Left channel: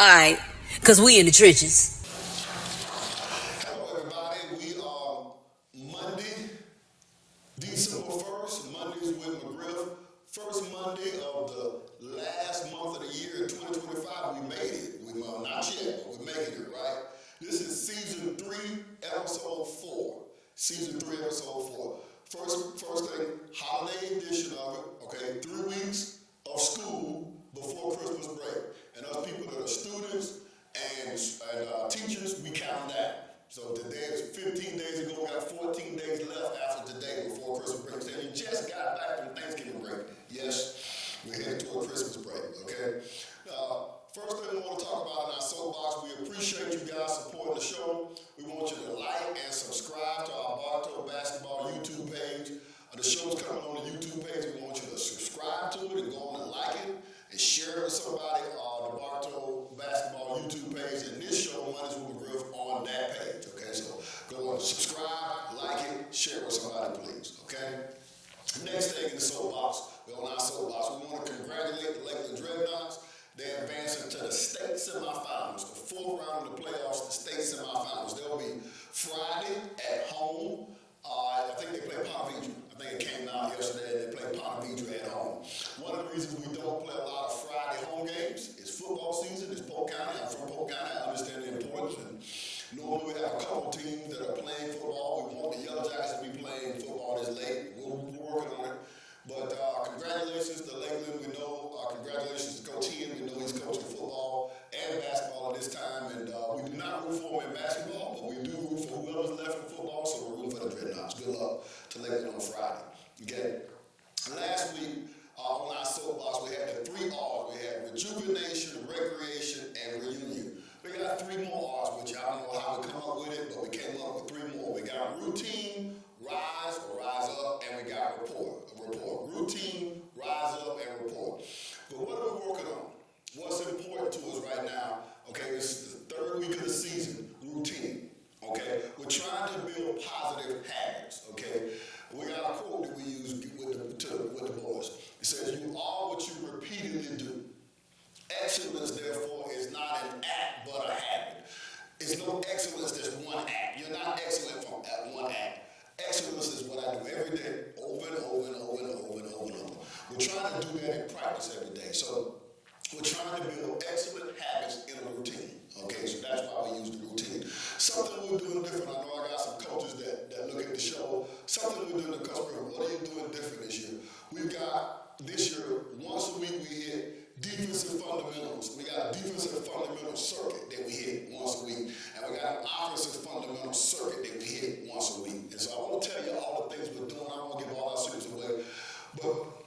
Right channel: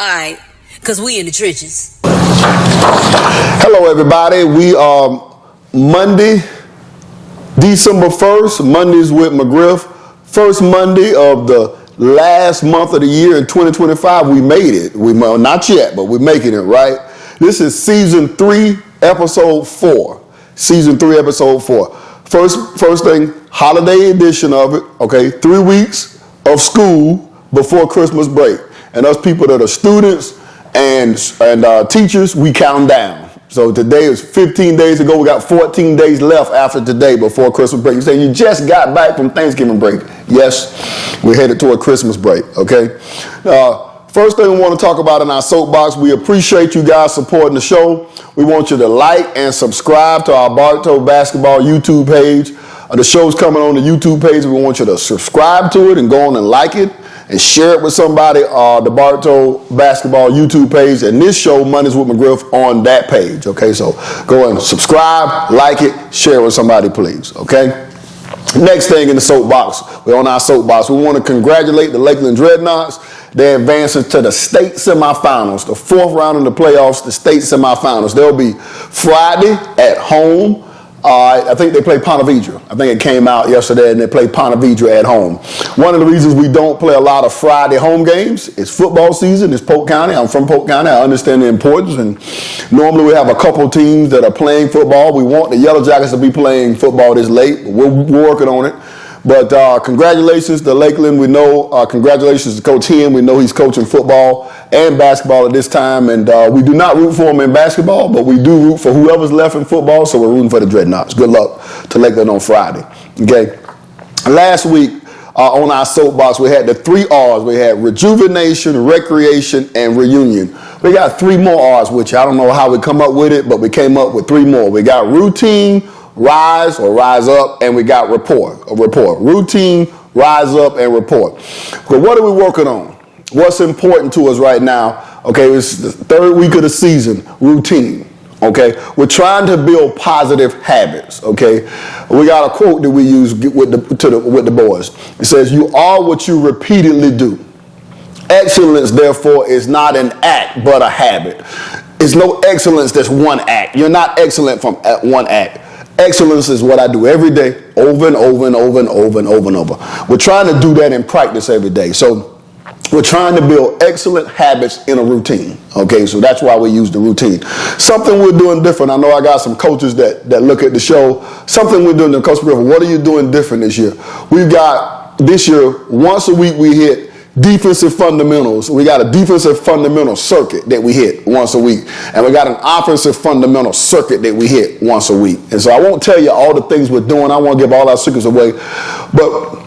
Alright, because we in the trenches. Hello, everybody. We are Monday, December 1st, Mondays with McGriff. First Monday of the last month of the year in 2025. We made it. Well, not yet, but we're making it, right? This is season 3, episode 4. Season 3, episode 4. First thing, holiday edition of it, okay? 3 weeks of school before Christmas break. And us people that are students and teachers, we count down. So today is 15 days ago. We got 14 days left after today before Christmas break. You say you just got back from Thanksgiving break. Yes, we're headed toward Christmas break, okay? First thing we want to talk about in our soapbox, we appreciate you guys supporting the show. We want you to like and subscribe to our BARTOW Basketball YouTube page. The show's coming on the YouTube page. We want you to subscribe to it and go on and like it and share it with somebody, the BARTOW Basketball YouTube page, and this show, Mondays with McGriff, on that page, okay? So go and subscribe, like it, share it with somebody, please, okay? Next thing in the soapbox, we're on our soapbox. We want to congratulate the Lakeland Dreadnoughts. They're advancing to the state semifinals, the 4th round of the playoffs, the state semifinals. They'll be Friday at home. I think they play Ponte Vedra. I think it came out yesterday, and they play Ponte Vedra at home. One of the reasons we don't play a lot of Friday home games is football season. It's Polk County. I'm from Polk County. I understand the importance. And normally we have a couple teams that are playing football. We want the Yellow Jackets to be playing football this late. We're working on it. But congratulations to Lakeland. We know, congratulations to Coach Hen. We know he's coaching football and basketball at this time. And we do not root for him in basketball, but we do root for whoever's left in football. So we're rooting for the Dreadnoughts. Good luck to Lakeland on Friday. Okay. Last week on our soapbox, we had the 3 R's. We had rejuvenation, recreation, and reunion. We got 3 more R's, which I don't know how we come up with it, but we came up with 3 more. We got routine, rise or rise up, and we got rapport. Routine, rise up, and rapport. But what are we working on? What's important to us right now? Okay, it's the 3rd week of the season, routine. Okay, we're trying to build positive habits. Okay, we got a quote that we use with the boys. It says, "You are what you repeatedly do. Excellence, therefore, is not an act but a habit." It's no excellence that's one act. You're not excellent from one act. Excellence is what I do every day, over and over and over and over and over and over. We're trying to do that in practice every day. So we're trying to build excellent habits in a routine. Okay, so that's why we use the routine. Something we're doing different. I know I got some coaches that look at the show. Something we're doing, Coach River, what are you doing different this year? We've got, this year, once a week we hit defensive fundamentals. We got a defensive fundamental circuit that we hit once a week. And we got an offensive fundamental circuit that we hit once a week. And so I won't tell you all the things we're doing. I won't give all our secrets away. But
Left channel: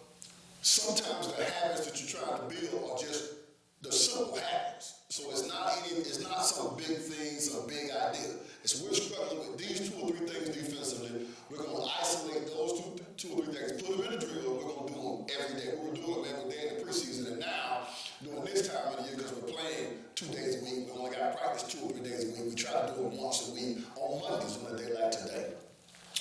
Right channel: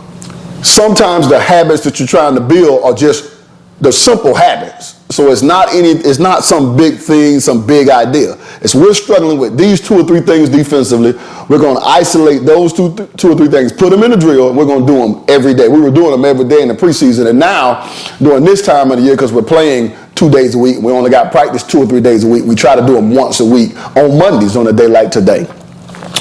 sometimes the habits that you're trying to build are just the simple habits. So it's not some big thing, some big idea. It's we're struggling with these 2 or 3 things defensively. We're going to isolate those two or three things, put them in the drill, and we're going to do them every day. We were doing them every day in the preseason, and now during this time of the year, because we're playing 2 days a week, we only got practice 2 or 3 days a week. We try to do them once a week on Mondays on a day like today.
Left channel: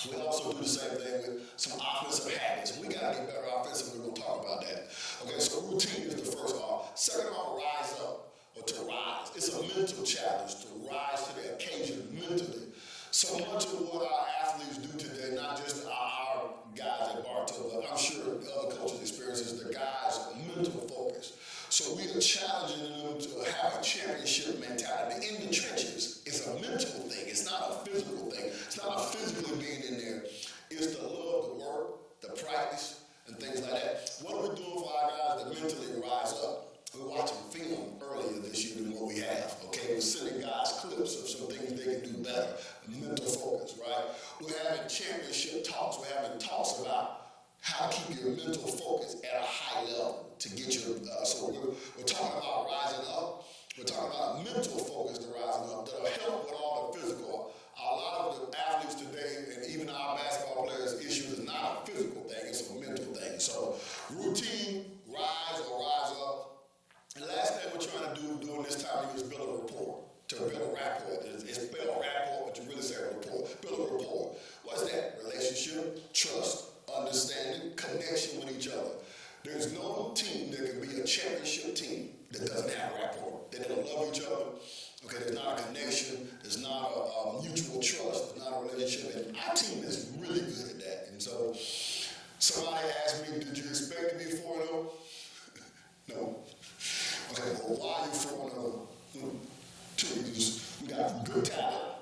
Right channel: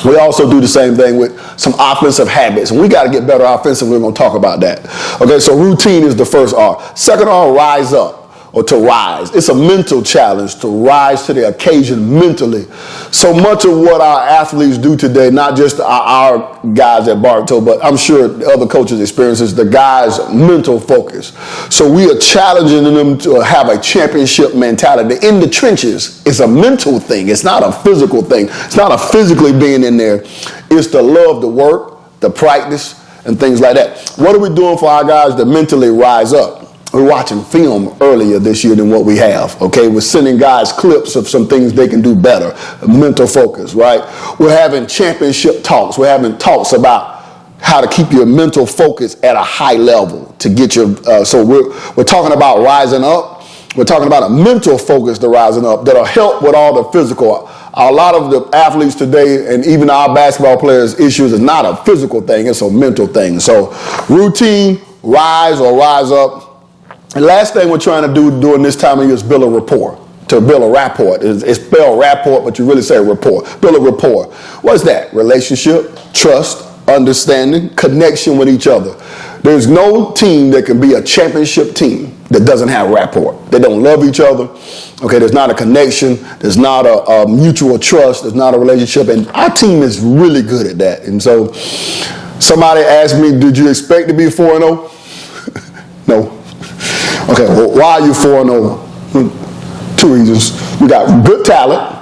We also do the same thing with some offensive habits, and we got to get better offensively. We're going to talk about that. Okay, so routine is the first R. Second R, rise up, or to rise. It's a mental challenge to rise to the occasion mentally. So much of what our athletes do today, not just our guys at BARTOW, but I'm sure other coaches experience is the guys' mental focus. So we are challenging them to have a championship mentality. In the trenches, it's a mental thing. It's not a physical thing. It's not a physically being in there. It's the love, the work, the practice, and things like that. What are we doing for our guys to mentally rise up? We're watching film earlier this year than what we have, okay? We're sending guys clips of some things they can do better, mental focus, right? We're having championship talks. We're having talks about how to keep your mental focus at a high level to get your, so we're talking about rising up. We're talking about a mental focus to rising up that'll help with all the physical. A lot of the athletes today, and even our basketball players' issues, is not a physical thing, it's a mental thing. So routine, rise or rise up. And last thing we're trying to do during this time of year is build a rapport. To build a rapport. It's spelled rapport, but you really say rapport. Build a rapport. What's that? Relationship, trust, understanding, connection with each other. There's no team that can be a championship team that doesn't have rapport. They don't love each other. Okay, there's not a connection. There's not a mutual trust. There's not a relationship. And our team is really good at that. And so somebody asked me, did you expect to be 4-0? No. Okay, well, why are you 4-0? Two reasons. We got good talent.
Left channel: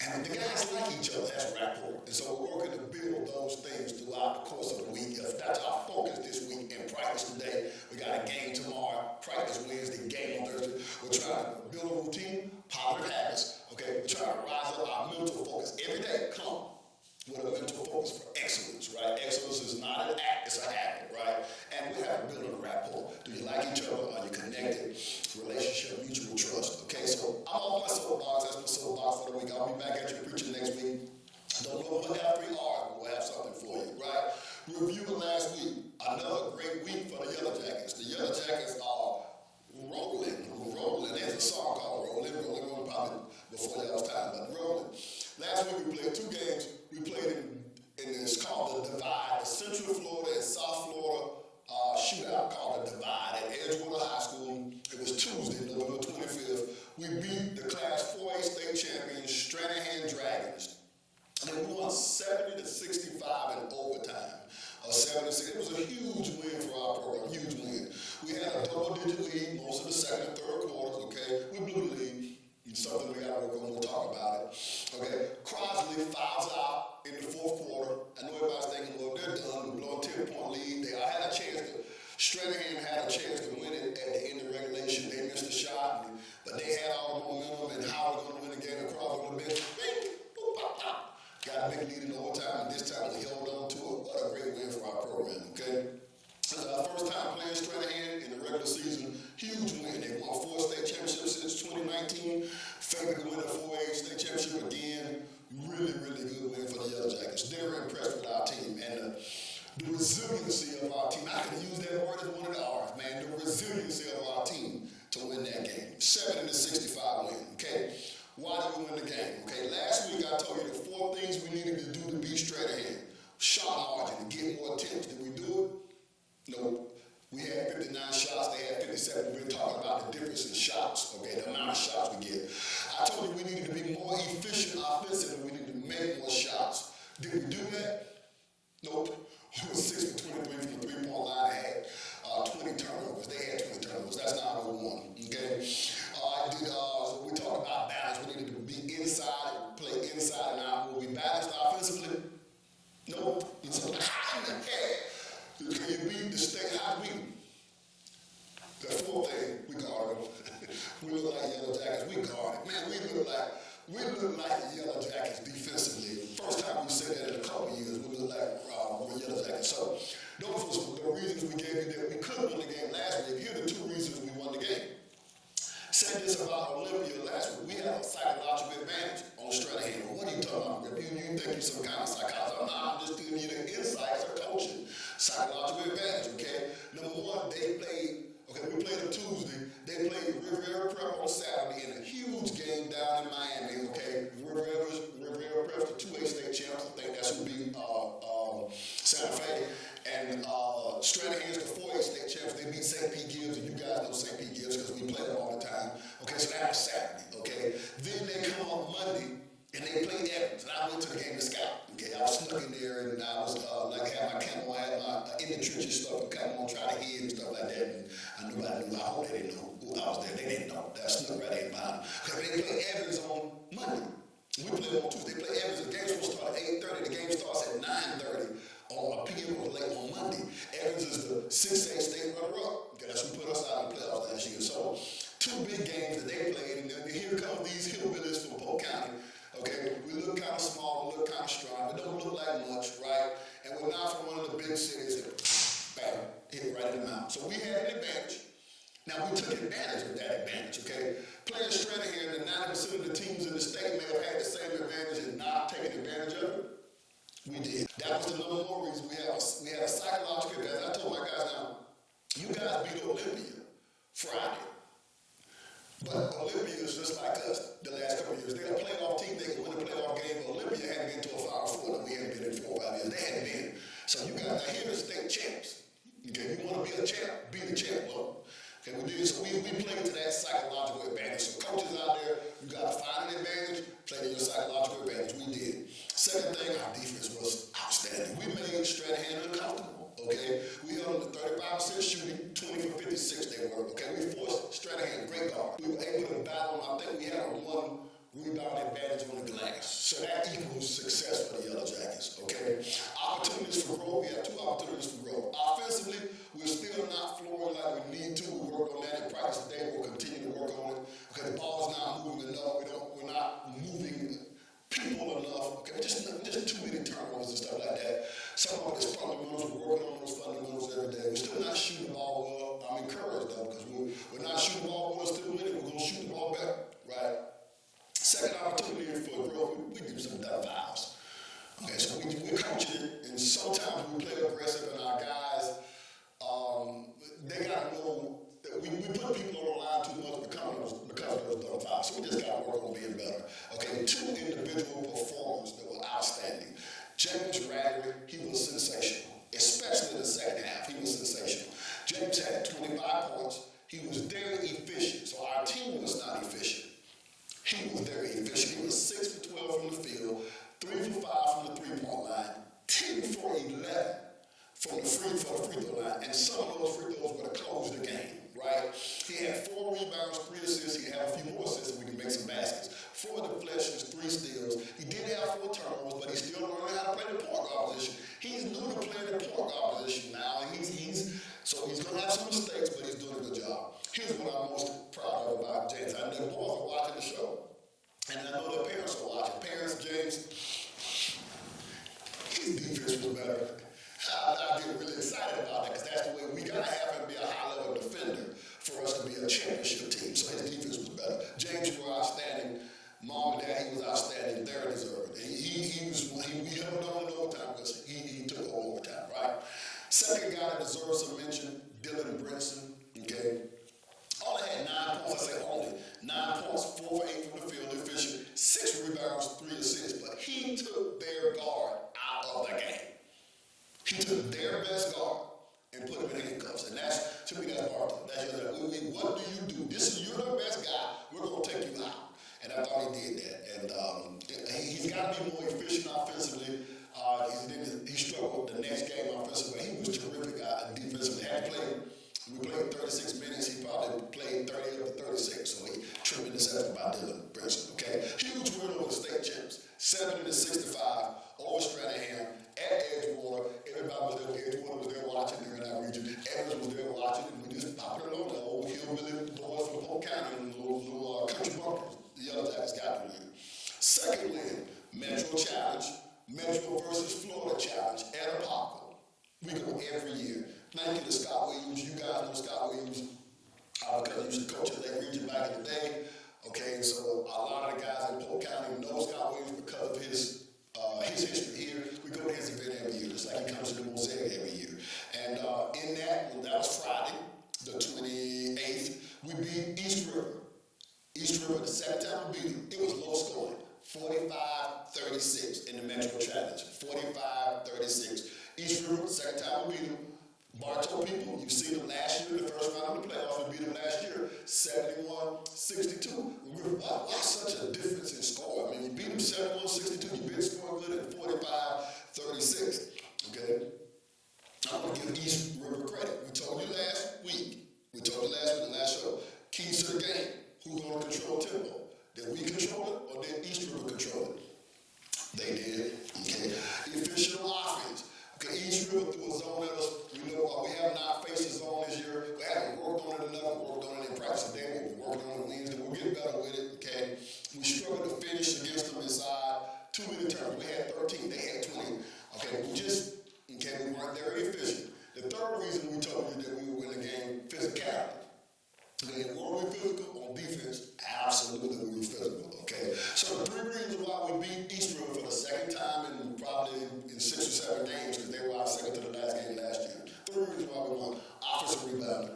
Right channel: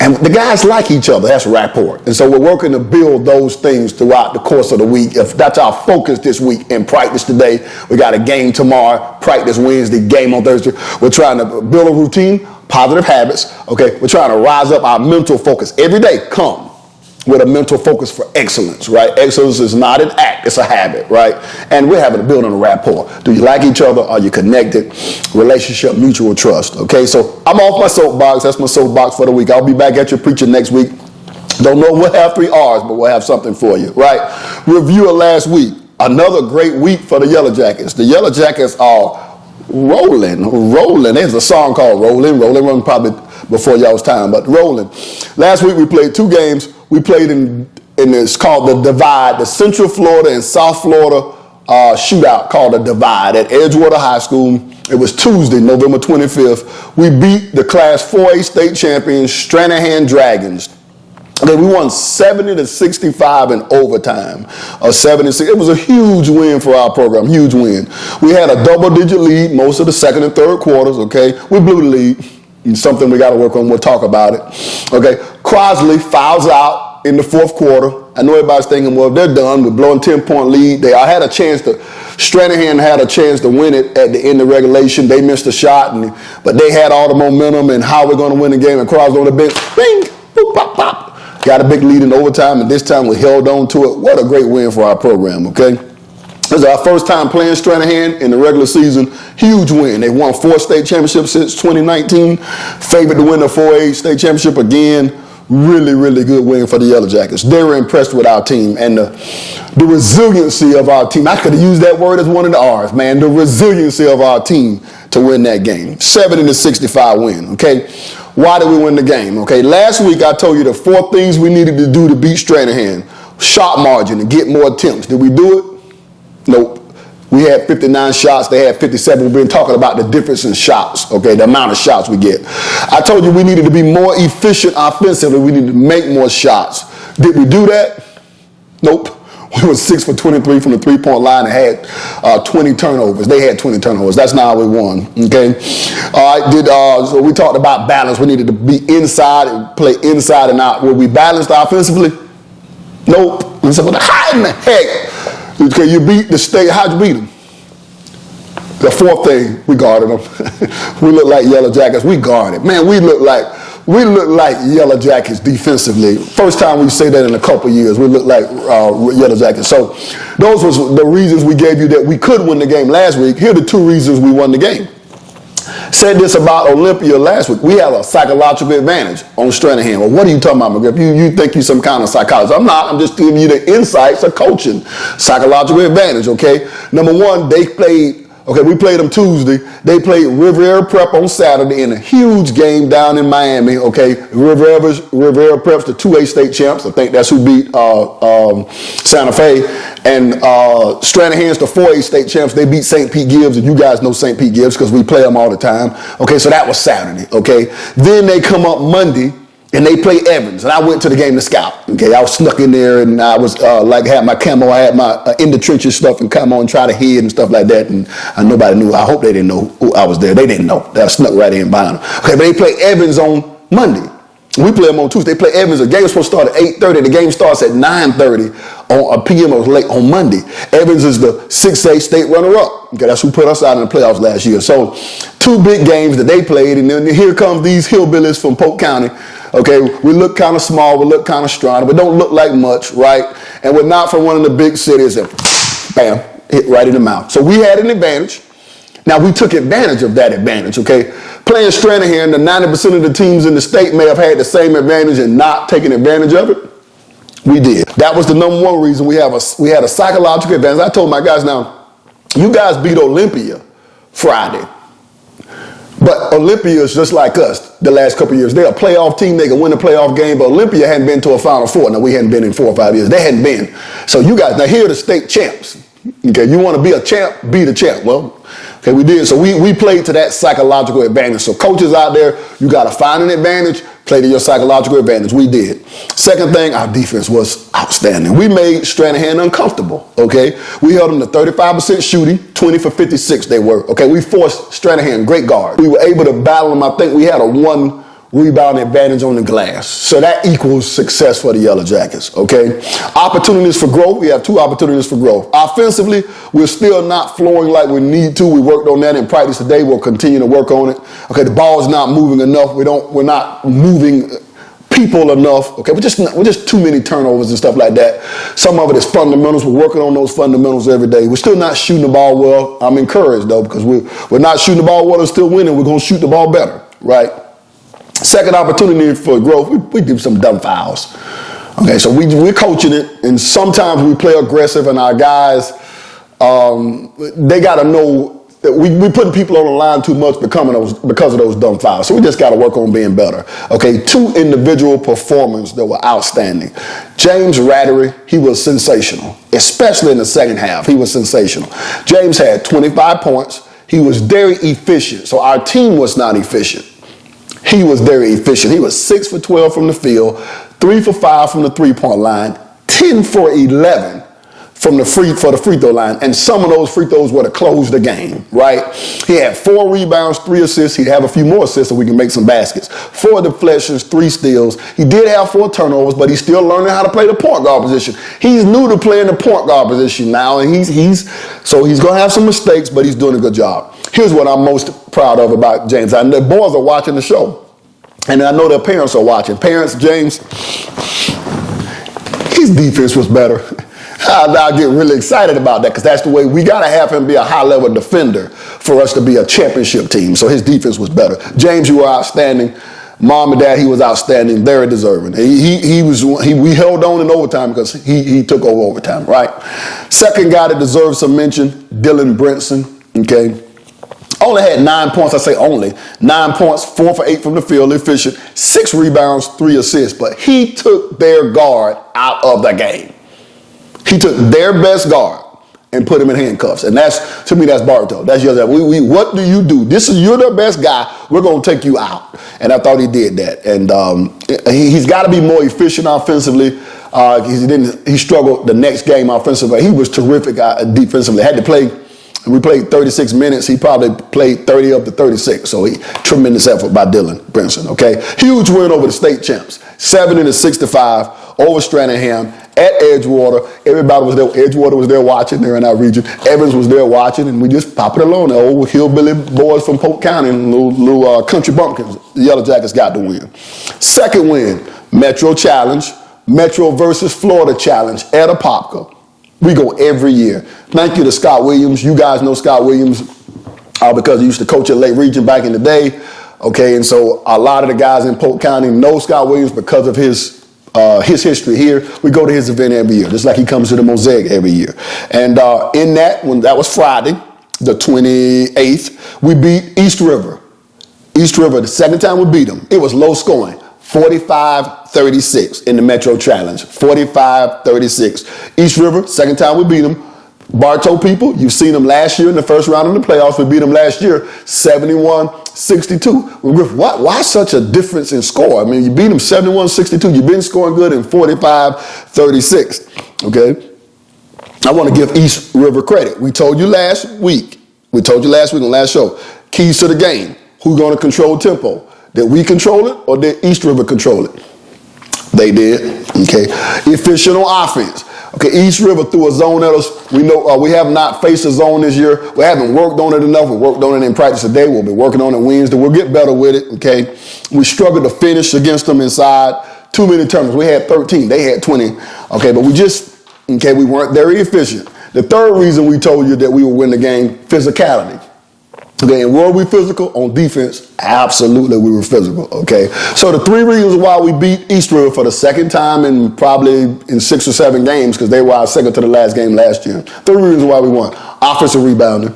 And the guys like each other. That's rapport. And so we're working to build those things throughout the course of the week. If that's our focus this week in practice today, we got a game tomorrow, practice Wednesday, game on Thursday. We're trying to build a routine, positive habits. Okay, we're trying to rise up our mental focus. Every day, come with a mental focus for excellence, right? Excellence is not an act, it's a habit, right? And we're having to build on a rapport. Do you like each other? Are you connected? Relationship, mutual trust, okay? So I'm off my soapbox. That's my soapbox for the week. I'll be back at your preaching next week. Don't know we'll have 3 R's, but we'll have something for you, right? Review of last week. Another great week for the Yellow Jackets. The Yellow Jackets are rolling. There's a song called Rolling probably before y'all's time, but rolling. Last week we played 2 games. We played in it's called the Divide, the Central Florida and South Florida shootout called the Divide at Edgewater High School. It was Tuesday, November 25th. We beat the Class 4A state champions, Stranahan Dragons. Okay, we won 70-65 in overtime. 76. It was a huge win for our program, huge win. We had a double-digit lead most of the second and third quarters, okay? We blew the lead. It's something we got to work on. We'll talk about it. Okay, Crosley fouls out in the fourth quarter. I know everybody's thinking, well, they're done. We're blowing 10-point lead. Stranahan had a chance to win it at the end of regulation. They missed a shot, but they had all the momentum and how we're going to win the game. And Crosley on the bench, bing, boop, pop, pop. Got a big lead in overtime, and this time we held on to it. What a great win for our program, okay? This is our first time playing Stranahan in the regular season. Huge win. They won 4 state championships since 2019. Favored to win the 4A state championship again. Really, really good win for the Yellow Jackets. They were impressed with our team and the resiliency of our team. I could have used that word as one of the R's, man. The resiliency of our team to win that game. 70-65 win, okay? Why did we win the game? Okay, last week I told you the 4 things we needed to do to beat Stranahan. Shot margin and get more attempts. Did we do it? Nope. We had 59 shots. They had 57. We've been talking about the difference in shots, okay, the amount of shots we get. I told you we needed to be more efficient offensively. We needed to make more shots. Did we do that? Nope. We were 6 for 23 from the 3-point line and had 20 turnovers. They had 20 turnovers. That's not how we won, okay? All right, so we talked about balance. We needed to be inside and play inside and out. Were we balanced offensively? Nope. And so how in the heck? Okay, you beat the state. How'd you beat them? The 4th thing, we guarded them. We look like Yellow Jackets. We guarded. Man, we look like Yellow Jackets defensively. First time we say that in a couple years. We look like Yellow Jackets. So those was the reasons we gave you that we could win the game last week. Here are the 2 reasons we won the game. Said this about Olympia last week. We have a psychological advantage on Stranahan. Well, what are you talking about, McGriff? You think you're some kind of psychologist. I'm not. I'm just giving you the insights of coaching. Psychological advantage, okay? Number 1, we played them Tuesday. They played Riviera Prep on Saturday in a huge game down in Miami, okay? Riviera Prep's the 2A state champs. I think that's who beat Santa Fe. And Stranahan's the 4A state champs. They beat St. Pete Gibbs, and you guys know St. Pete Gibbs because we play them all the time. Okay, so that was Saturday, okay? Then they come up Monday, and they play Evans, and I went to the game to scout. Okay, I was snuck in there, and I was had my camo, I had my in the trenches stuff, and come on, try to hid and stuff like that, and nobody knew. I hope they didn't know who I was there. They didn't know. They snuck right in behind them. Okay, but they play Evans on Monday. We play them on Tuesday. They play Evans. The game was supposed to start at 8:30. The game starts at 9:30 on p.m. It was late on Monday. Evans is the 6A state runner-up. Okay, that's who put us out in the playoffs last year. So 2 big games that they played, and then here come these hillbillies from Polk County. Okay, we look kind of small, we look kind of strong, but don't look like much, right? And we're not from one of the big cities, and bam, hit right in the mouth. So we had an advantage. Now we took advantage of that advantage, okay? Playing Stranahan, the 90% of the teams in the state may have had the same advantage and not taking advantage of it. We did. That was the number 1 reason we had a psychological advantage. I told my guys, now, you guys beat Olympia Friday. But Olympia is just like us the last couple of years. They're a playoff team. They can win a playoff game, but Olympia hadn't been to a Final Four. Now, we hadn't been in 4 or 5 years. They hadn't been. So you guys, now here are the state champs. Okay, you want to be a champ, be the champ. Well, okay, we did. So we played to that psychological advantage. So coaches out there, you got to find an advantage, play to your psychological advantage. We did. Second thing, our defense was outstanding. We made Stranahan uncomfortable, okay? We held them to 35% shooting, 20 for 56 they were, okay? We forced Stranahan, great guard. We were able to battle them. I think we had a 1 rebound advantage on the glass. So that equals success for the Yellow Jackets, okay? Opportunities for growth, we have 2 opportunities for growth. Offensively, we're still not flowing like we need to. We worked on that in practice today. We'll continue to work on it. Okay, the ball's not moving enough. We're not moving people enough. Okay, we're just too many turnovers and stuff like that. Some of it is fundamentals. We're working on those fundamentals every day. We're still not shooting the ball well. I'm encouraged though, because we're not shooting the ball well and still winning. We're gonna shoot the ball better, right? Second opportunity for growth, we do some dumb fouls. Okay, so we're coaching it, and sometimes we play aggressive, and our guys, they got to know that we putting people on the line too much because of those dumb fouls. So we just got to work on being better. Okay, 2 individual performances that were outstanding. James Rattery, he was sensational, especially in the second half. He was sensational. James had 25 points. He was very efficient. So our team was not efficient. He was very efficient. He was 6 for 12 from the field, 3 for 5 from the three-point line, 10 for 11 for the free throw line, and some of those free throws were to close the game, right? He had 4 rebounds, 3 assists. He'd have a few more assists so we can make some baskets. 4 deflections, 3 steals. He did have 4 turnovers, but he's still learning how to play the point guard position. He's new to playing the point guard position now, and he's going to have some mistakes, but he's doing a good job. Here's what I'm most proud of about James. I know the boys are watching the show, and I know their parents are watching. Parents, James, his defense was better. I get really excited about that because that's the way we got to have him be a high-level defender for us to be a championship team. So his defense was better. James, you were outstanding. Mom and Dad, he was outstanding, very deserving. We held on in overtime because he took over overtime, right? Second guy that deserves some mention, Dylan Brinson, okay? Only had 9 points, I say only. 9 points, 4 for 8 from the field, efficient, 6 rebounds, 3 assists. But he took their guard out of the game. He took their best guard and put him in handcuffs. And that's, to me, that's Bartow. That's your, what do you do? You're the best guy. We're going to take you out. And I thought he did that. And he's got to be more efficient offensively. He struggled the next game offensively. He was terrific defensively. We played 36 minutes. He probably played 30 up to 36. So tremendous effort by Dylan Brinson, okay? Huge win over the state champs. 70-65 over Stranahan at Edgewater. Everybody was there. Edgewater was there watching. They're in our region. Evans was there watching, and we just pop it along. The old hillbilly boys from Polk County and little country bumpkins. The Yellow Jackets got the win. Second win, Metro Challenge. Metro versus Florida Challenge at Apopka. We go every year. Thank you to Scott Williams. You guys know Scott Williams because he used to coach at Lake Region back in the day. Okay, and so a lot of the guys in Polk County know Scott Williams because of his history here. We go to his event every year, just like he comes to the Mosaic every year. And in that, when that was Friday, the 28th, we beat East River. East River, the second time we beat them. It was low scoring. 45-36 in the Metro Challenge. 45-36. East River, second time we beat them. Bartow people, you've seen them last year in the first round of the playoffs. We beat them last year, 71-62. Why such a difference in score? I mean, you beat them 71-62. You've been scoring good in 45-36, okay? I want to give East River credit. We told you last week on the last show, keys to the game. Who's going to control tempo? Did we control it or did East River control it? They did, okay. Efficient on offense. Okay, East River threw a zone at us. We know we have not faced a zone this year. We haven't worked on it enough. We worked on it in practice today. We'll be working on it Wednesday. We'll get better with it, okay. We struggled to finish against them inside. Too many turnovers. We had 13. They had 20. Okay, but we weren't very efficient. The third reason we told you that we would win the game, physicality. Okay, and were we physical? On defense, absolutely we were physical, okay? So the 3 reasons why we beat East River for the second time in probably in 6 or 7 games, because they were our second to the last game last year. 3 reasons why we won. Offensive rebounding,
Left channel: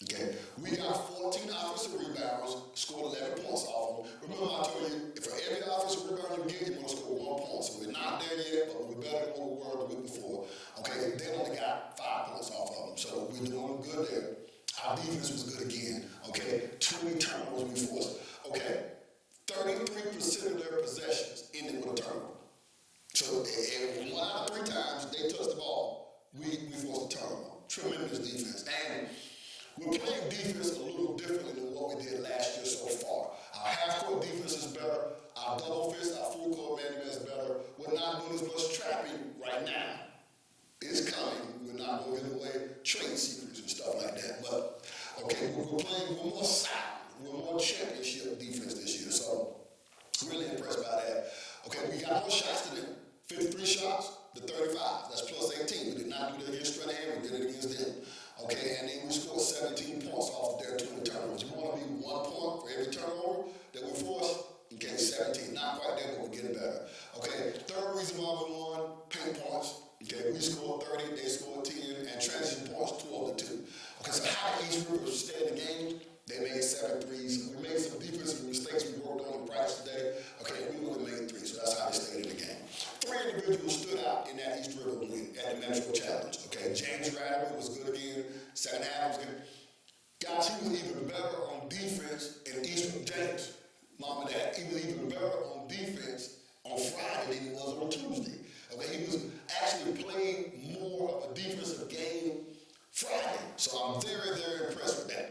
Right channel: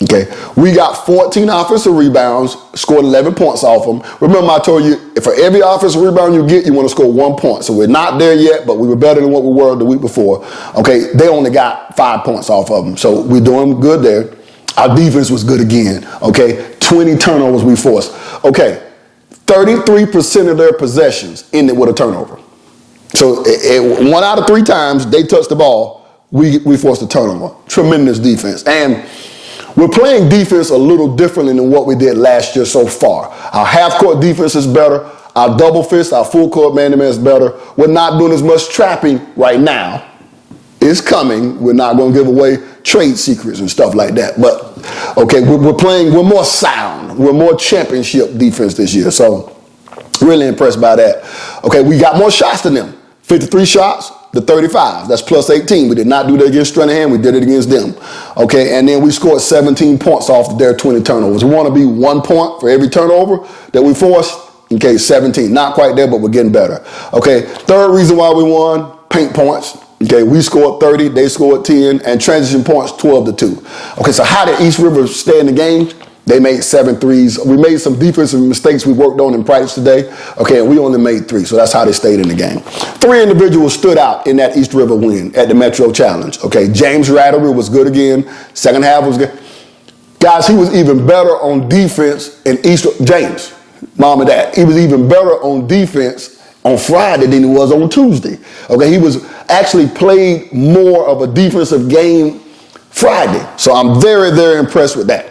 Okay, we got 14 offensive rebounds, scored 11 points off them. Remember I told you, for every offensive rebound you get, you want to score 1 point. So we're not there yet, but we were better than what we were the week before. Okay, they only got 5 points off of them. So we're doing good there. Our defense was good again. Okay, 20 turnovers we forced. Okay, 33% of their possessions ended with a turnover. So 1 out of 3 times they touched the ball, we forced a turnover. Tremendous defense. And we're playing defense a little differently than what we did last year so far. Our half-court defense is better. Our double fist, our full-court man-to-man is better. We're not doing as much trapping right now. It's coming. We're not going to give away trade secrets and stuff like that. But, okay, we're more sound. We're more championship defense this year. So, really impressed by that. Okay, we got more shots than them. 53 shots to 35. That's plus 18. We did not do that against Stranahan. We did it against them. Okay, and then we scored 17 points off their 20 turnovers. We want to be 1 point for every turnover that we force. Okay, 17. Not quite there, but we're getting better. Okay, third reason why we won, paint points. Okay, we scored 30, they scored 10, and transition points 12-2. Okay, so how did East River stay in the game? They made 7 threes. We made some defensive mistakes we worked on in practice today. Okay, and we only made 3, so that's how they stayed in the game. 3 individuals stood out in that East River win at the Metro Challenge. Okay, James Rattery was good again. Second half was good. Guys, he was even better on defense in James, mom and dad. He was even better on defense on Friday than he was on Tuesday. Okay, he was actually played more of a defensive game Friday. So I'm very, very impressed with that.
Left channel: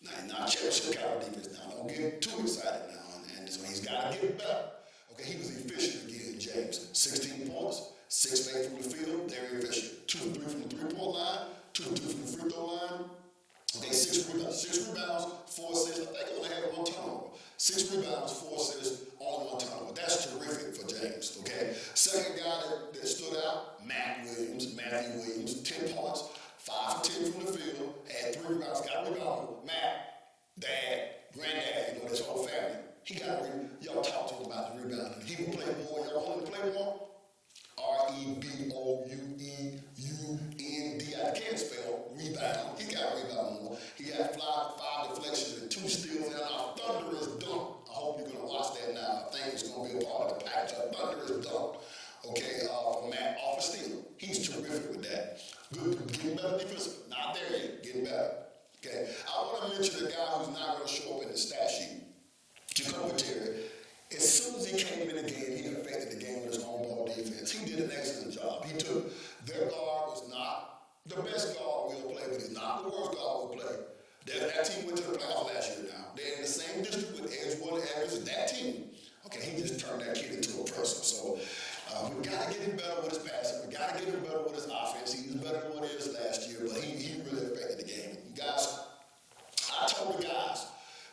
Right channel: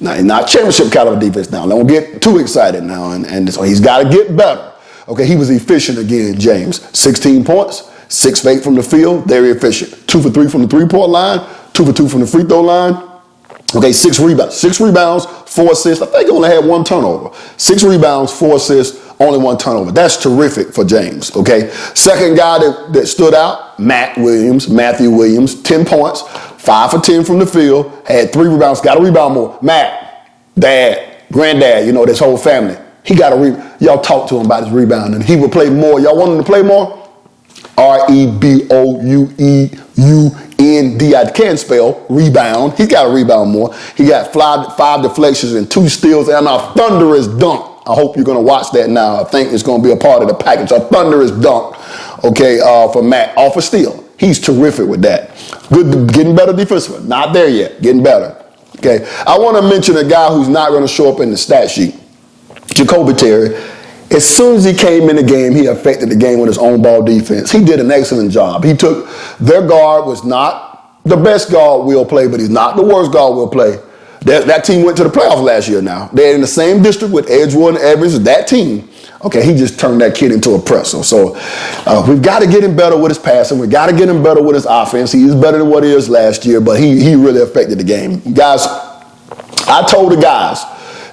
Now, he's not championship caliber defense now. Don't get too excited now. And so he's got to get better. Okay, he was efficient again, James. 16 points, 6 for 8 from the field, very efficient. 2 for 3 from the three-point line, 2 for 2 from the free throw line. Okay, 6 rebounds. 6 rebounds, 4 assists. I think he only had 1 turnover. 6 rebounds, 4 assists, only 1 turnover. That's terrific for James, okay? Second guy that stood out, Matthew Williams, 10 points. 5 for 10 from the field, had 3 rebounds, got to rebound more. Matt, dad, granddad, you know, this whole family. He got to y'all talk to him about his rebounding. He would play more. Y'all want him to play more? R-E-B-O-U-E-U-N-D. I can't spell rebound. He's got to rebound more. He got 5 deflections and 2 steals and a thunderous dunk. I hope you're going to watch that now. I think it's going to be a part of the package. A thunderous dunk, okay, for Matt, off a steal. He's terrific with that. Good, getting better defensively. Not there yet, getting better. Okay, I want to mention a guy who's not going to show up in the stat sheet, Jacoby Terry. As soon as he came in the game, he affected the game with his own ball defense. He did an excellent job. He took, their guard was not the best guard we'll play, but he's not the worst guard we'll play. That team went to the playoffs last year now. They're in the same district with Edgewood and Evans, that team. Okay, he just turned that kid into a presser. So we've got to get him better with his passing. We've got to get him better with his offense. He is better than what he is last year, but he really affected the game. Guys, I told the guys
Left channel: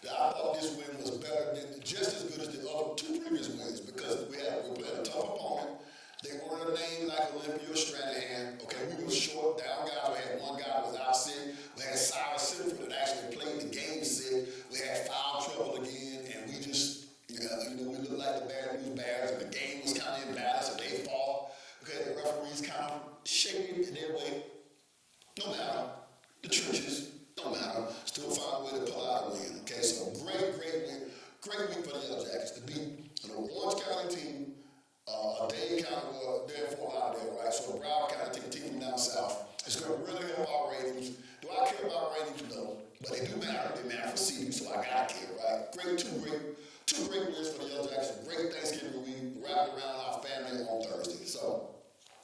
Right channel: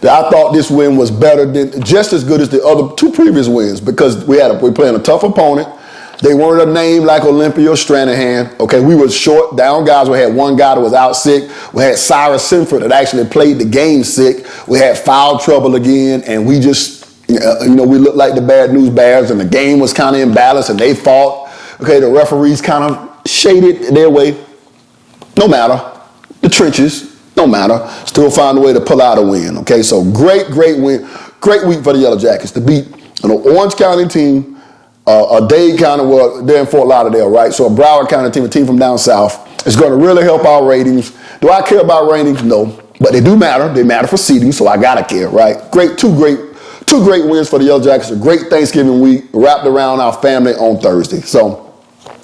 that I thought this win was better than, just as good as the other 2 previous wins, because we're playing a tough opponent. They weren't a name like Olympia or Stranahan. Okay, we were short down guys. We had 1 guy that was out sick. We had Cyrus Sinford that actually played the game sick. We had foul trouble again, and we just, we looked like the bad news bears, and the game was kind of imbalanced, and they fought. Okay, the referees kind of shaded their way. No matter. The trenches, no matter. Still find a way to pull out a win. Okay, so great win. Great week for the Yellow Jackets to beat an Orange County team, a Dade County, well, they're in Fort Lauderdale, right? So a Broward County team, a team from down south. It's going to really help our ratings. Do I care about ratings? No. But they do matter. They matter for seeding, so I got to care, right? Two great wins for the Yellow Jackets. A great Thanksgiving week wrapped around our family on Thursday. So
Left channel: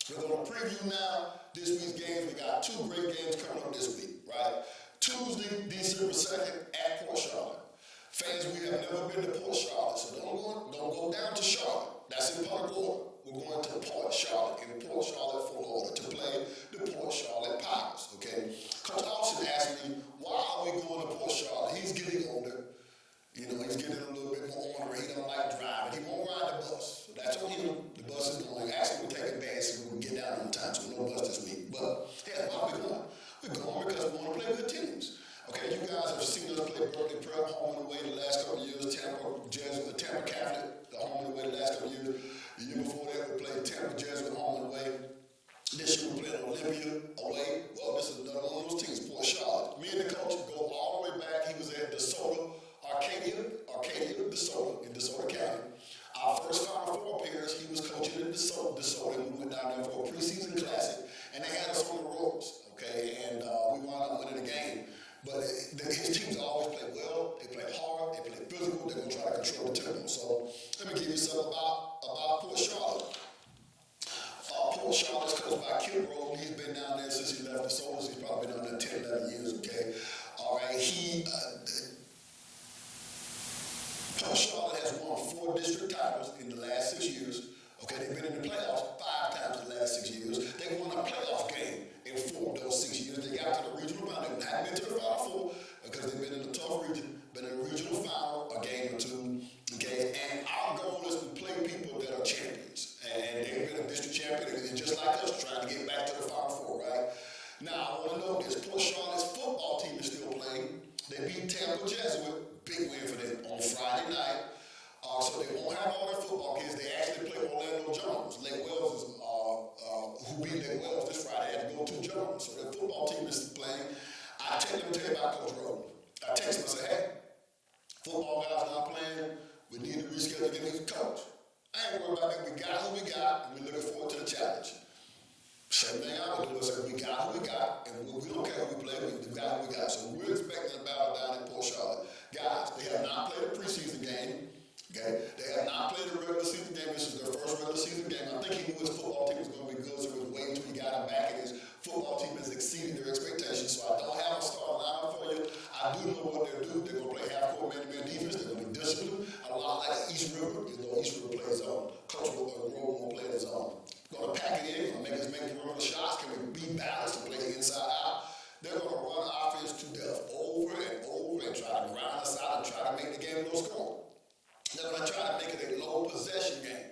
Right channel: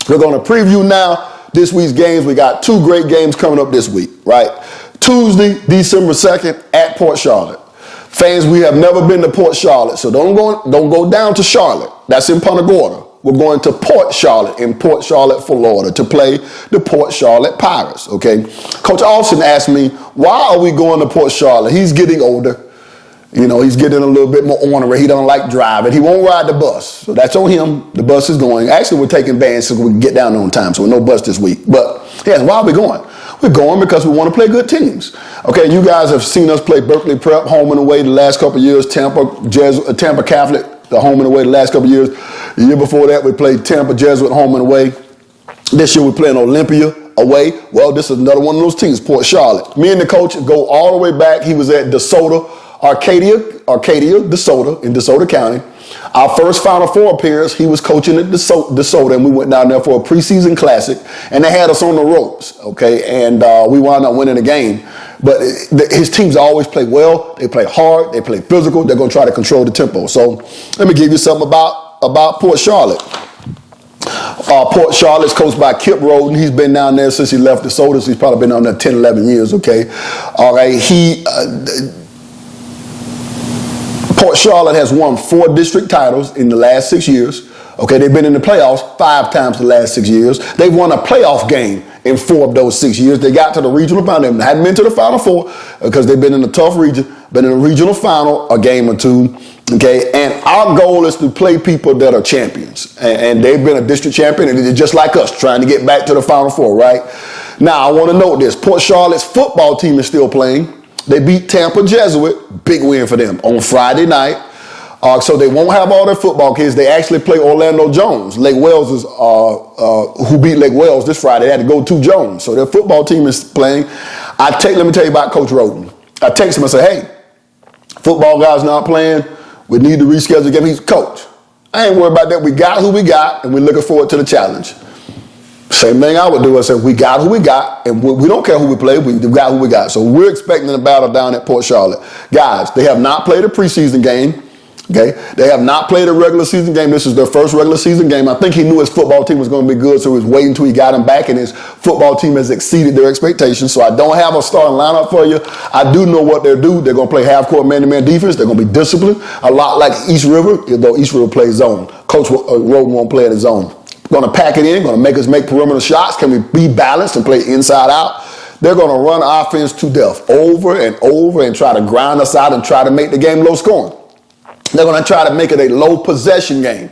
we're going to preview now this week's games. We got 2 great games coming up this week, right? Tuesday, December 2nd at Port Charlotte. Fans, we have never been to Port Charlotte, so don't go down to Charlotte. That's in Punta Gorda. We're going to Port Charlotte in Port Charlotte, Florida to play the Port Charlotte Pirates, okay? Coach Austin asked me, why are we going to Port Charlotte? He's getting older. You know, he's getting a little bit more ornery. He don't like driving. He won't ride the bus. So that's on him. The bus is going. Actually, we're taking vans so we can get down there on time, so no bus this week. But, yeah, why are we going? We're going because we want to play good teams. Okay, you guys have seen us play Berkeley Prep, home and away the last couple of years, Tampa Catholic, the home and away the last couple of years. The year before that, we played Tampa Jesuit, home and away. This year, we're playing Olympia away. Well, this is another one of those teams, Port Charlotte. Me and the coach go all the way back. He was at DeSoto, Arcadia, DeSoto in DeSoto County. Our first Final Four appearance, he was coaching at DeSoto, and we went down there for a preseason classic, and they had us on the ropes, okay? And we wound up winning the game. But his teams always play well. They play hard. They play physical. They're going to try to control the tempo. So let me give you something about Port Charlotte. Port Charlotte's coached by Kip Roden. He's been down there since he left DeSoto. So he's probably been down there 10, 11 years, okay? All right, Port Charlotte has won 4 district titles in the last 6 years. Okay, they've been in the playoffs 5 times the last 6 years. They've won a playoff game in 4 of those 6 years. They got to the regional final. They hadn't been to the Final Four because they've been in a tough region, been in a regional final a game or 2. Okay, and our goal is to play people that are champions. And they've been a district champion, and they're just like us, trying to get back to the Final Four, right? Now, I want to note this. Port Charlotte's football team is still playing. They beat Tampa Jesuit, big win for them, on Friday night. So they won't have all their football kids. They actually play Orlando Jones. Lake Wales is who beat Lake Wales this Friday. They had to go to Jones. So their football team is playing. Let me tell you about Coach Roden. I text him and say, hey, football guys not playing. We need to reschedule the game. He's coach. I ain't worried about that. We got who we got, and we're looking forward to the challenge. Same thing I would do. I said, we got who we got, and we don't care who we play. We got who we got. So we're expecting a battle down at Port Charlotte. Guys, they have not played a preseason game. Okay, they have not played a regular season game. This is their first regular season game. I think he knew his football team was going to be good, so he was waiting until he got him back, and his football team has exceeded their expectations. So I don't have a starting lineup for you. I do know what they'll do. They're going to play half-court man-to-man defense. They're going to be disciplined, a lot like East River, though East River plays zone. Coach Roden won't play in his zone. Going to pack it in, going to make us make perimeter shots. Can we be balanced and play inside out? They're going to run offense to death over and over and try to grind us out and try to make the game low scoring. They're going to try to make it a low possession game.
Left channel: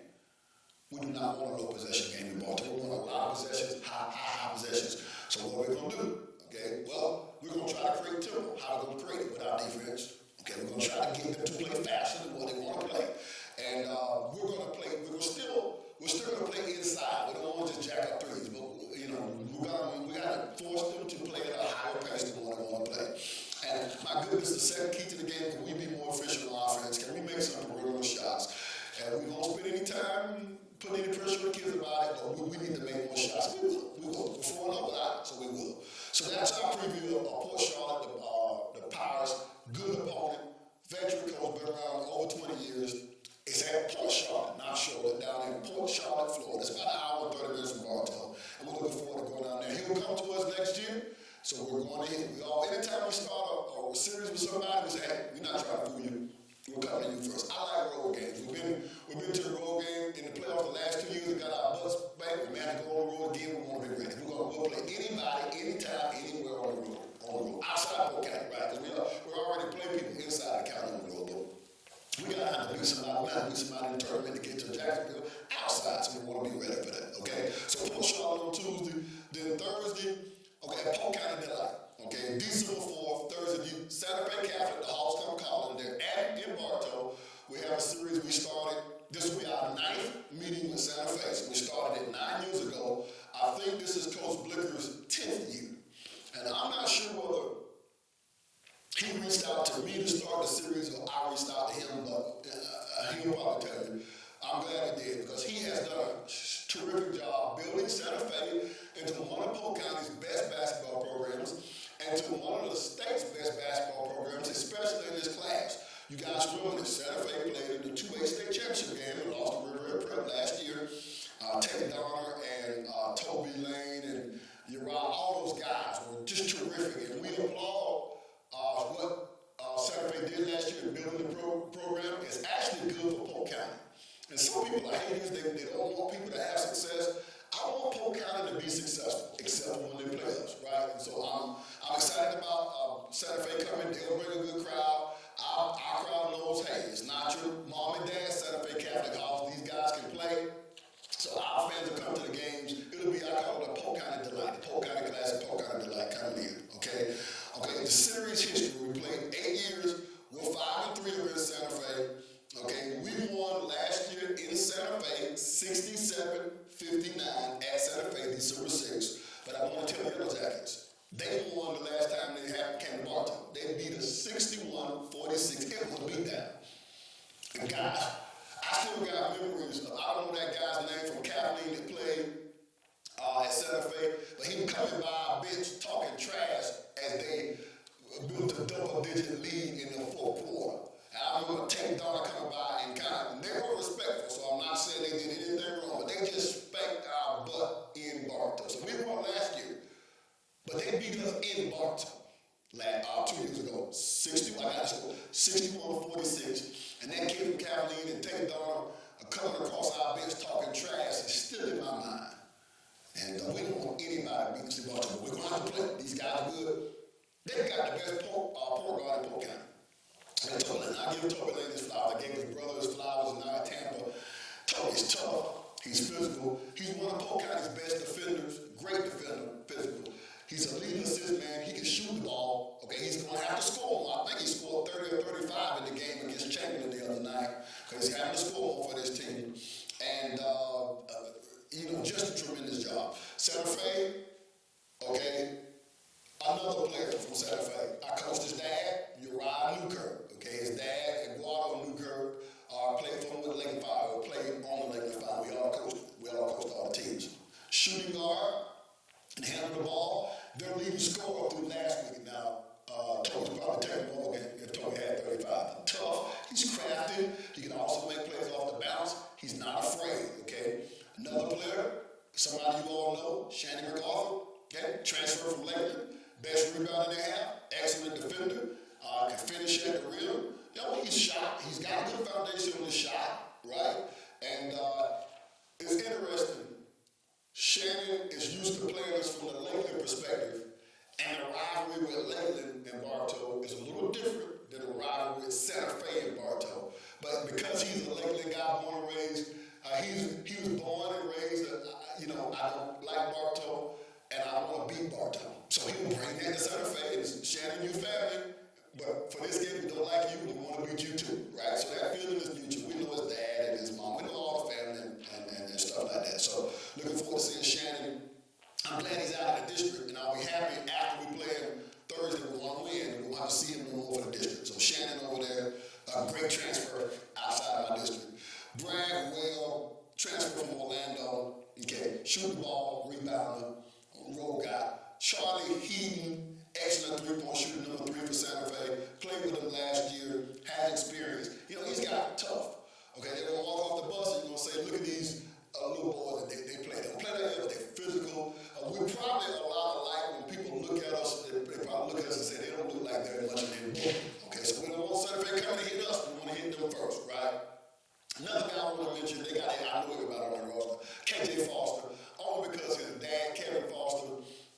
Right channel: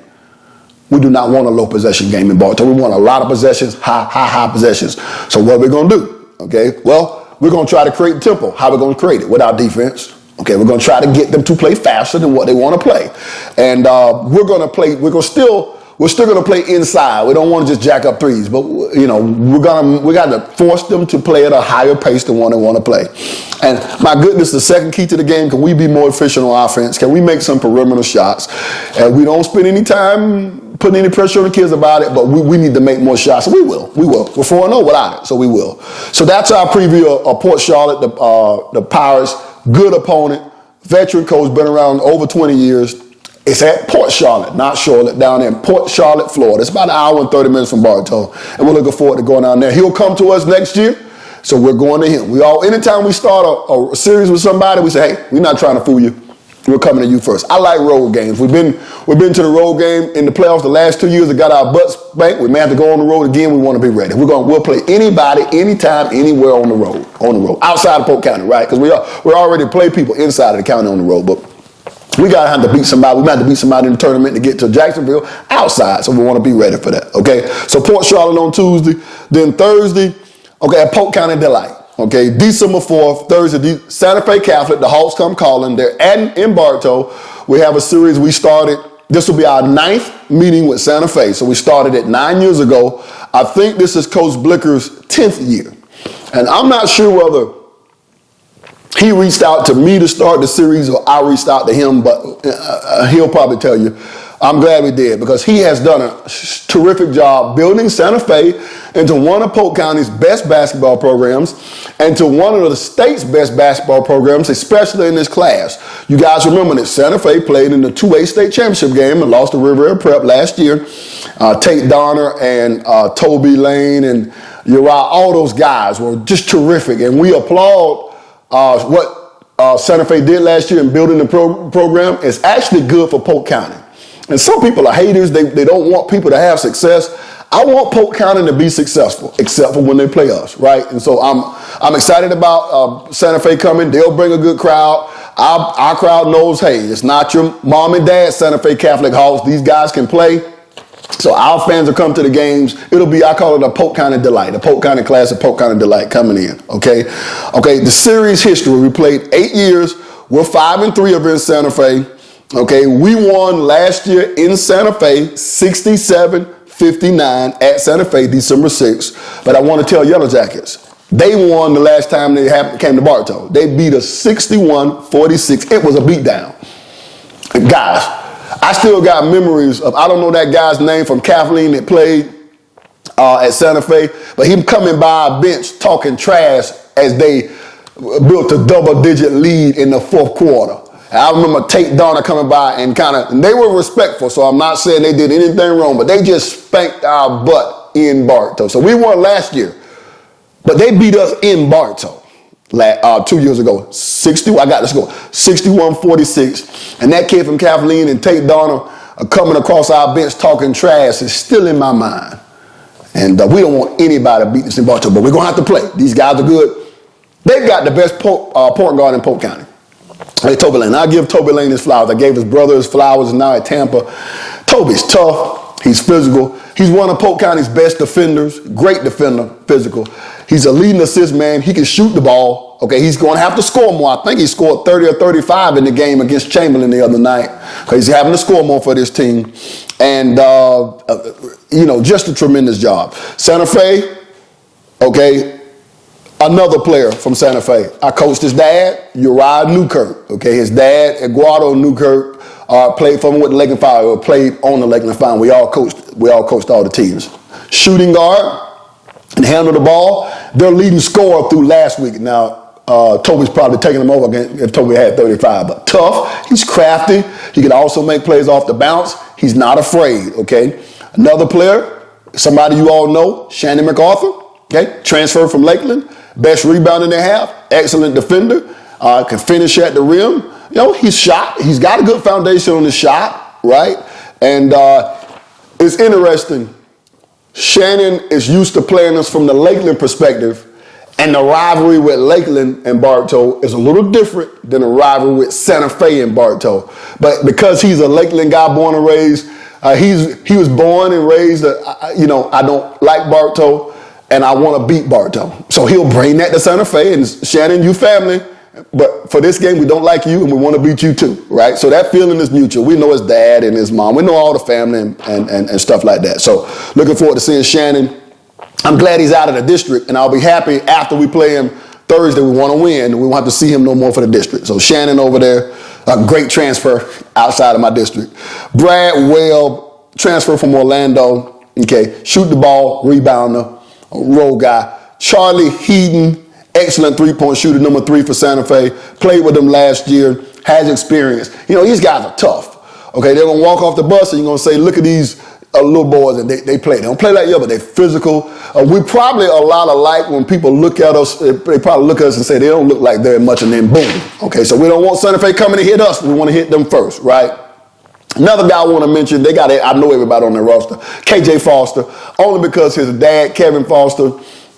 We do not want a low possession game in Baltimore. We want a lot of possessions, high possessions. So what are we going to do? Okay, well, we're going to try to create tempo. How are we going to create it? With our defense. Okay, we're going to try to get them to play faster than what they want to play. And we're still going to play inside. We don't want to just jack up threes, but we got to force them to play at a higher pace than what they want to play. And my goodness, the second key to the game, can we be more efficient on offense? Can we make some perimeter shots? And we don't spend any time putting any pressure on the kids about it, but we need to make more shots. And we will. We're 4-0 without it, so we will. So that's our preview of Port Charlotte, the Pirates. Good opponent, veteran coach, been around over 20 years. It's at Port Charlotte, not Charlotte, down there in Port Charlotte, Florida. It's about an hour and 30 minutes from Bartow, and we're looking forward to going down there. He'll come to us next year, so we're going to him. Anytime we start a series with somebody, we say, hey, we're not trying to fool you. We're coming to you first. I like road games. We've been to the road game in the playoffs the last 2 years. It got our butts spanked. We may have to go on the road again. We want to be ready. We'll play anybody, anytime, anywhere on the road, outside of Polk County, right? Because we already play people inside of the county on the road, but we got to have to beat somebody. We might have to beat somebody in the tournament to get to Jacksonville outside, so we want to be ready for that, okay? So Port Charlotte on Tuesday. Then Thursday, okay, at Polk County Delight. Okay, December 4th, Thursday, Santa Fe Catholic, the Hawks come calling. They're in Bartow. We have a series we started. This will be our 9th meeting with Santa Fe. So we started it 9 years ago. I think this is Coach Blicker's 10th year. And I'm not sure whether he reached out to me to start the series or I reached out to him, but he'll probably tell you. I'm glad we did, because he has done a terrific job building Santa Fe into one of Polk County's best basketball programs and to one of the state's best basketball programs, especially in this class. You guys remember that Santa Fe played in the 2A state championship game and lost to Riviera Prep last year. Tate Donner and Toby Lane and Uriah, all those guys were just terrific. And we applaud what Santa Fe did last year in building the program. It's actually good for Polk County. And some people are haters. They don't want people to have success. I want Polk County to be successful, except for when they play us, right? And so I'm excited about Santa Fe coming. They'll bring a good crowd. Our crowd knows, hey, it's not your mom and dad Santa Fe Catholic Hawks. These guys can play. So our fans will come to the games. It'll be, I call it a Polk County Delight, a Polk County class of Polk County Delight coming in, okay? Okay, the series history, we played 8 years. We're 5-3 over in Santa Fe. Okay, we won last year in Santa Fe 67-59. 58-59 at Santa Fe, December 6th. But I want to tell Yellow Jackets, they won the last time they came to Bartow. They beat us 61-46. It was a beatdown. Guys, I still got memories of, I don't know that guy's name from Kathleen that played at Santa Fe, but him coming by a bench talking trash as they built a double-digit lead in the fourth quarter. And I remember Tate Donner coming by and and they were respectful, so I'm not saying they did anything wrong, but they just spanked our butt in Bartow. So we won last year, but they beat us in Bartow 2 years ago. I got the score, 61-46. And that kid from Kathleen and Tate Donner coming across our bench talking trash is still in my mind. And we don't want anybody to beat us in Bartow, but we're going to have to play. These guys are good. They've got the best point guard in Polk County. Hey, Toby Lane. I give Toby Lane his flowers. I gave his brother his flowers now at Tampa. Toby's tough. He's physical. He's one of Polk County's best defenders. Great defender, physical. He's a leading assist man. He can shoot the ball. Okay, he's going to have to score more. I think he scored 30 or 35 in the game against Chamberlain the other night. He's having to score more for this team. And, just a tremendous job. Santa Fe, okay, another player from Santa Fe. I coached his dad, Uriah Newkirk. Okay, his dad, Eduardo Newkirk, played for him with the Lakeland Fire, or played on the Lakeland Fire. We all coached all the teams. Shooting guard and handle the ball. Their leading scorer through last week. Now, Toby's probably taking him over again if Toby had 35, but tough. He's crafty. He can also make plays off the bounce. He's not afraid, okay? Another player, somebody you all know, Shannon MacArthur, okay? Transferred from Lakeland. Best rebounder they have, excellent defender, can finish at the rim. He's shot. He's got a good foundation on his shot, right? And it's interesting. Shannon is used to playing us from the Lakeland perspective, and the rivalry with Lakeland and Bartow is a little different than the rivalry with Santa Fe and Bartow. But because he's a Lakeland guy born and raised, he was born and raised, I don't like Bartow, and I want to beat Bartow. So he'll bring that to Santa Fe, and Shannon, you family, but for this game, we don't like you, and we want to beat you too, right? So that feeling is mutual. We know his dad and his mom. We know all the family and stuff like that. So looking forward to seeing Shannon. I'm glad he's out of the district, and I'll be happy after we play him Thursday. We want to win, and we won't have to see him no more for the district. So Shannon over there, a great transfer outside of my district. Brad Webb, transfer from Orlando, okay, shoot the ball, rebounder, roll guy. Charlie Heaton, excellent three-point shooter, number 3 for Santa Fe. Played with them last year, has experience. These guys are tough. Okay, they're going to walk off the bus and you're going to say, look at these little boys, and they play. They don't play like you, but they're physical. We probably a lot alike. When people look at us, they probably look at us and say they don't look like very much, and then boom. Okay, so we don't want Santa Fe coming to hit us. We want to hit them first, right? Another guy I want to mention, I know everybody on their roster, KJ Foster, only because his dad, Kevin Foster,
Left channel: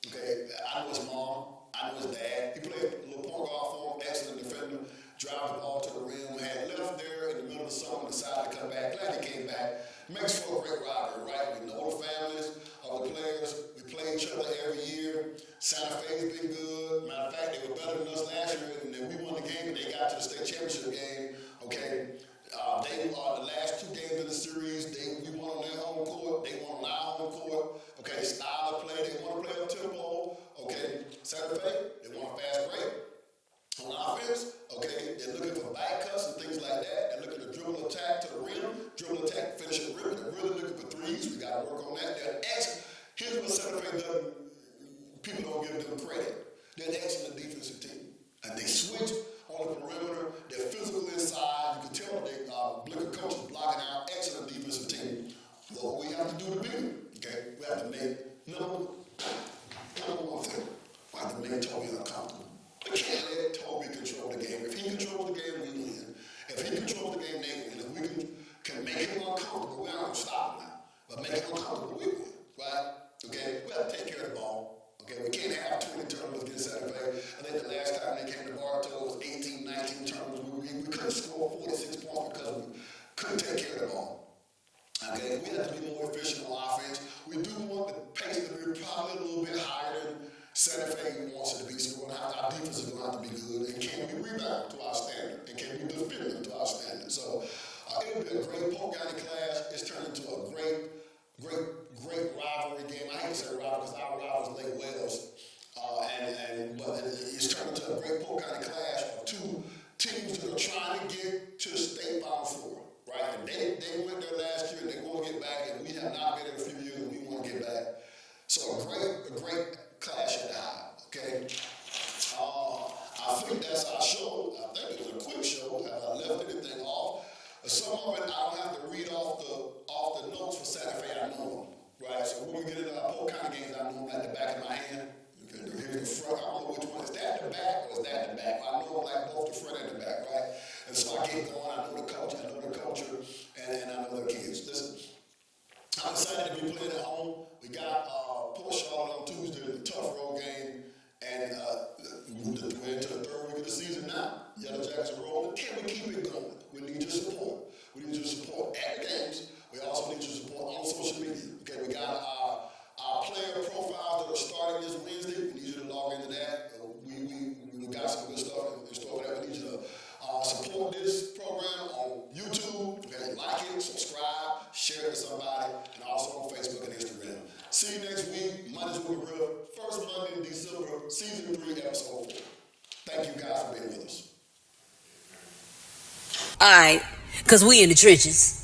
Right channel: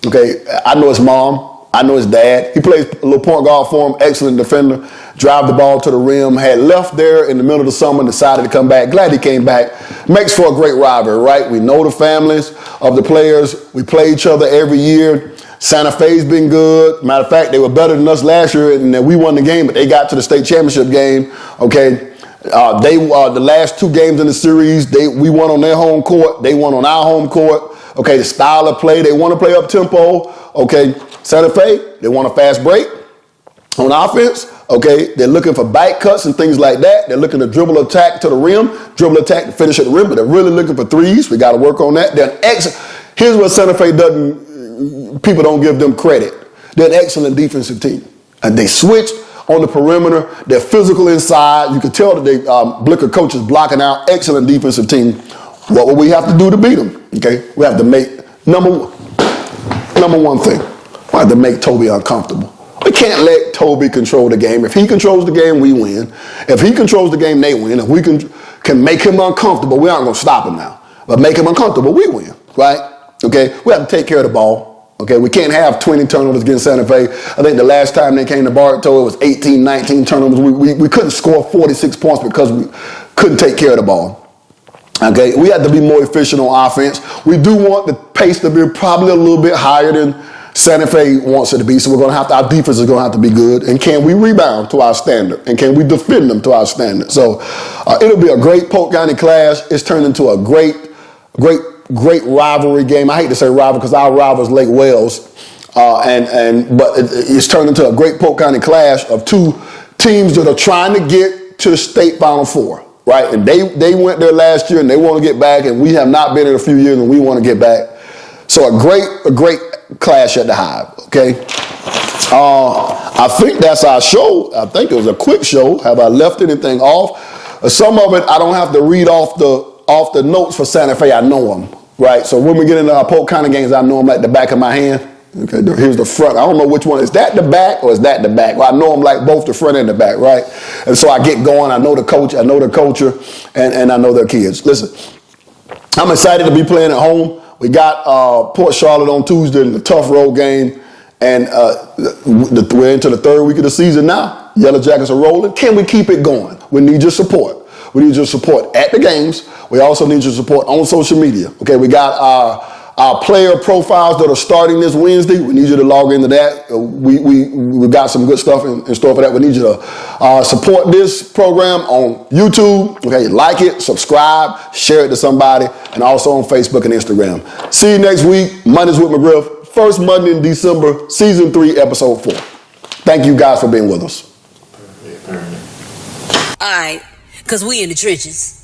okay, I know his mom, I know his dad. He plays a little point guard for him, excellent defender, drive the ball to the rim, had left there in the middle of the summer, decided to come back. Glad he came back. Makes for a great rivalry, right? We know the families of the players. We play each other every year. Santa Fe's been good. Matter of fact, they were better than us last year, and then we won the game, but they got to the state championship game, okay? The last 2 games in the series, we won on their home court. They won on our home court. Okay, the style of play, they want to play up tempo. Okay, Santa Fe, they want a fast break on offense. Okay, they're looking for back cuts and things like that. They're looking to dribble attack to the rim, dribble attack to finish at the rim, but they're really looking for threes. We got to work on that. Here's what Santa Fe people don't give them credit. They're an excellent defensive team. And they switched on the perimeter. They're physical inside. You can tell that they Blicker coach is blocking out. Excellent defensive team. What will we have to do to beat them? Okay, we have to make number one thing. We have to make Toby uncomfortable. We can't let Toby control the game. If he controls the game, we win. If he controls the game, they win. If we can make him uncomfortable, we aren't going to stop him now. But make him uncomfortable, we win, right? Okay, we have to take care of the ball. Okay, we can't have 20 turnovers against Santa Fe. I think the last time they came to Bartow, it was 18, 19 turnovers. We couldn't score 46 points because we couldn't take care of the ball. Okay, we have to be more efficient on offense. We do want the pace to be probably a little bit higher than Santa Fe wants it to be, so our defense is going to have to be good. And can we rebound to our standard? And can we defend them to our standard? So it'll be a great Polk County class. It's turned into a great great rivalry game. I hate to say rival because our rival is Lake Wales, but it's turned into a great Polk County clash of two teams that are trying to get to the state Final Four, right? And they went there last year and they want to get back, and we have not been in a few years and we want to get back. So a great clash at the Hive, okay? I think that's our show. I think it was a quick show. Have I left anything off? Some of it I don't have to read off the notes for Santa Fe. I know them, right? So when we get into our Polk County games, I know them like the back of my hand. Okay, here's the front. I don't know which one. Is that the back or is that the back? Well, I know them like both the front and the back, right? And so I get going. I know the coach. I know the culture, and I know their kids. Listen, I'm excited to be playing at home. We got Port Charlotte on Tuesday in a tough road game, and we're into the third week of the season now. Yellow Jackets are rolling. Can we keep it going? We need your support. We need your support at the games. We also need your support on social media. Okay, we got our player profiles that are starting this Wednesday. We need you to log into that. We got some good stuff in store for that. We need you to support this program on YouTube. Okay, like it, subscribe, share it to somebody, and also on Facebook and Instagram. See you next week. Mondays with McGriff. First Monday in December, Season 3, Episode 4. Thank you guys for being with us. All right, because we in the trenches.